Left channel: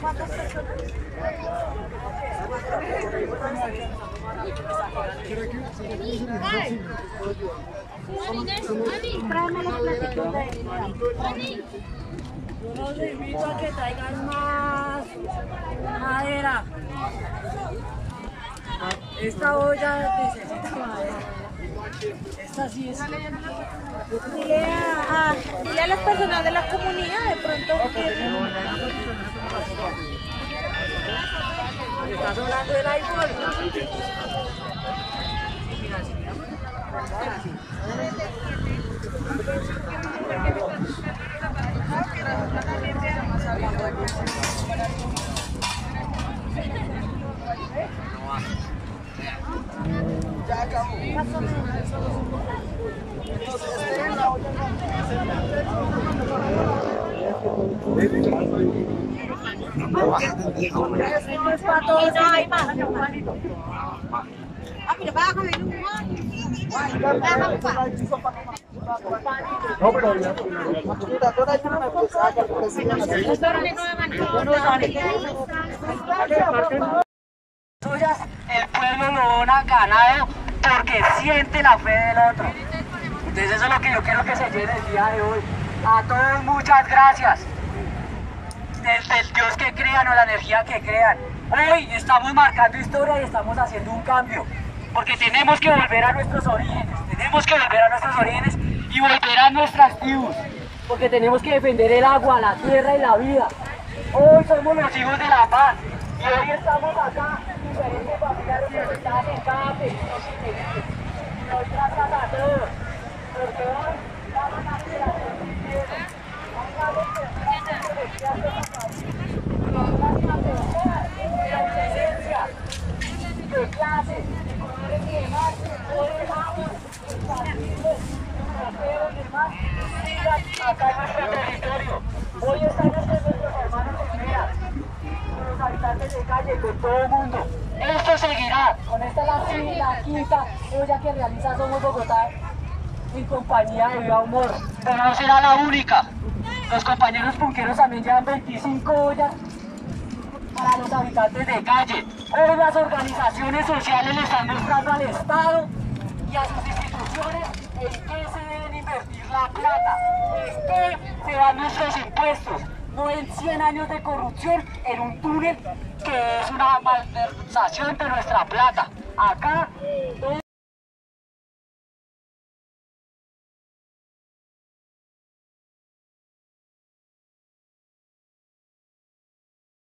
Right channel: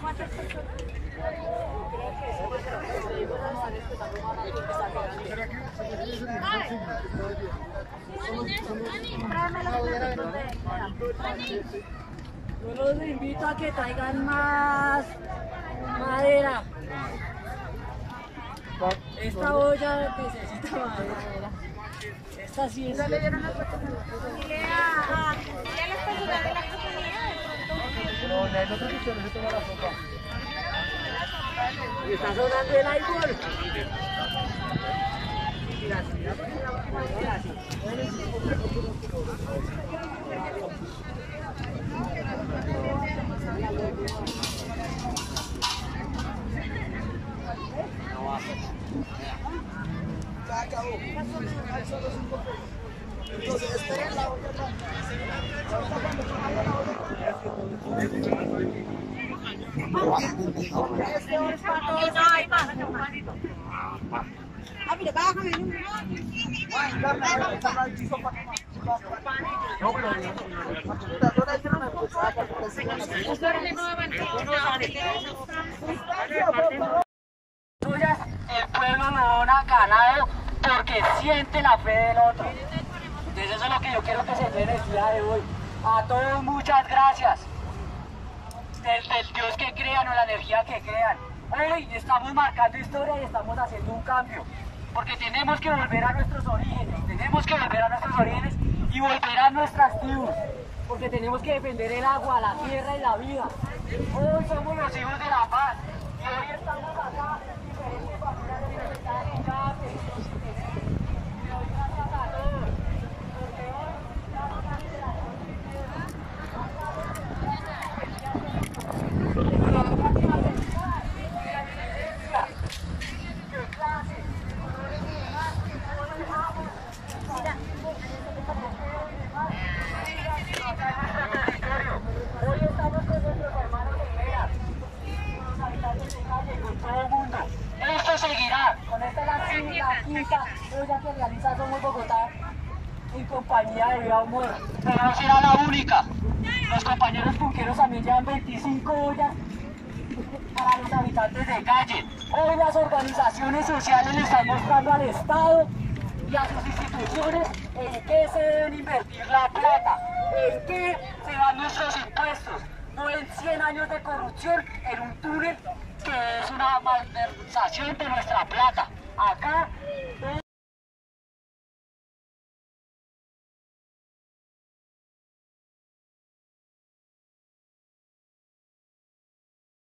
¿Cuántas personas? Tráeme los platitos de dinero. Yo los invito a que traigan más madera. Esta olla necesita madera. Esta sí es. Dile a las personas de la comunidad de pronto que está sonando el iPhone. Ya acabó. Más o menos. Entonces, esperen la olla. Esto es para todos. No hay más. Ah, mira, bájame. Suyas, el pueblo lo dona ganado porque siente la fe del otro. Entonces eso es lo que yo quiero que se llene el día de hoy. A todos muchas gracias. Del Dios que crean o la energía que crean. Hoy estamos marcando historia y estamos haciendo un cambio. Porque tenemos que volver a nuestros orígenes. Tenemos que volver a nuestros orígenes y volver a nuestras tribus. Porque tenemos que defender el agua, la tierra y la vida. Hoy somos los hijos de la paz. Y hoy estamos acá, diferentes familias representadas en cada pequeño sitio. Y hoy gracias a todos. Porque hoy vamos a hacer la hoy estamos con nuestros hermanos Olmeras, con los habitantes de calle, con todo el mundo. Esto seguirá. Con esta es la quinta olla que realiza Somos Bogotá en compañía de Viva Humor. Pero no será la única. Los compañeros punqueros también llevan 25 ollas para los habitantes de calle. Hoy las organizaciones sociales le están mostrando al Estado y a sus instituciones en qué se deben invertir la plata, en qué se van nuestros impuestos, no en 100 años de corrupción en un túnel que es una malversación de nuestra plata. Acá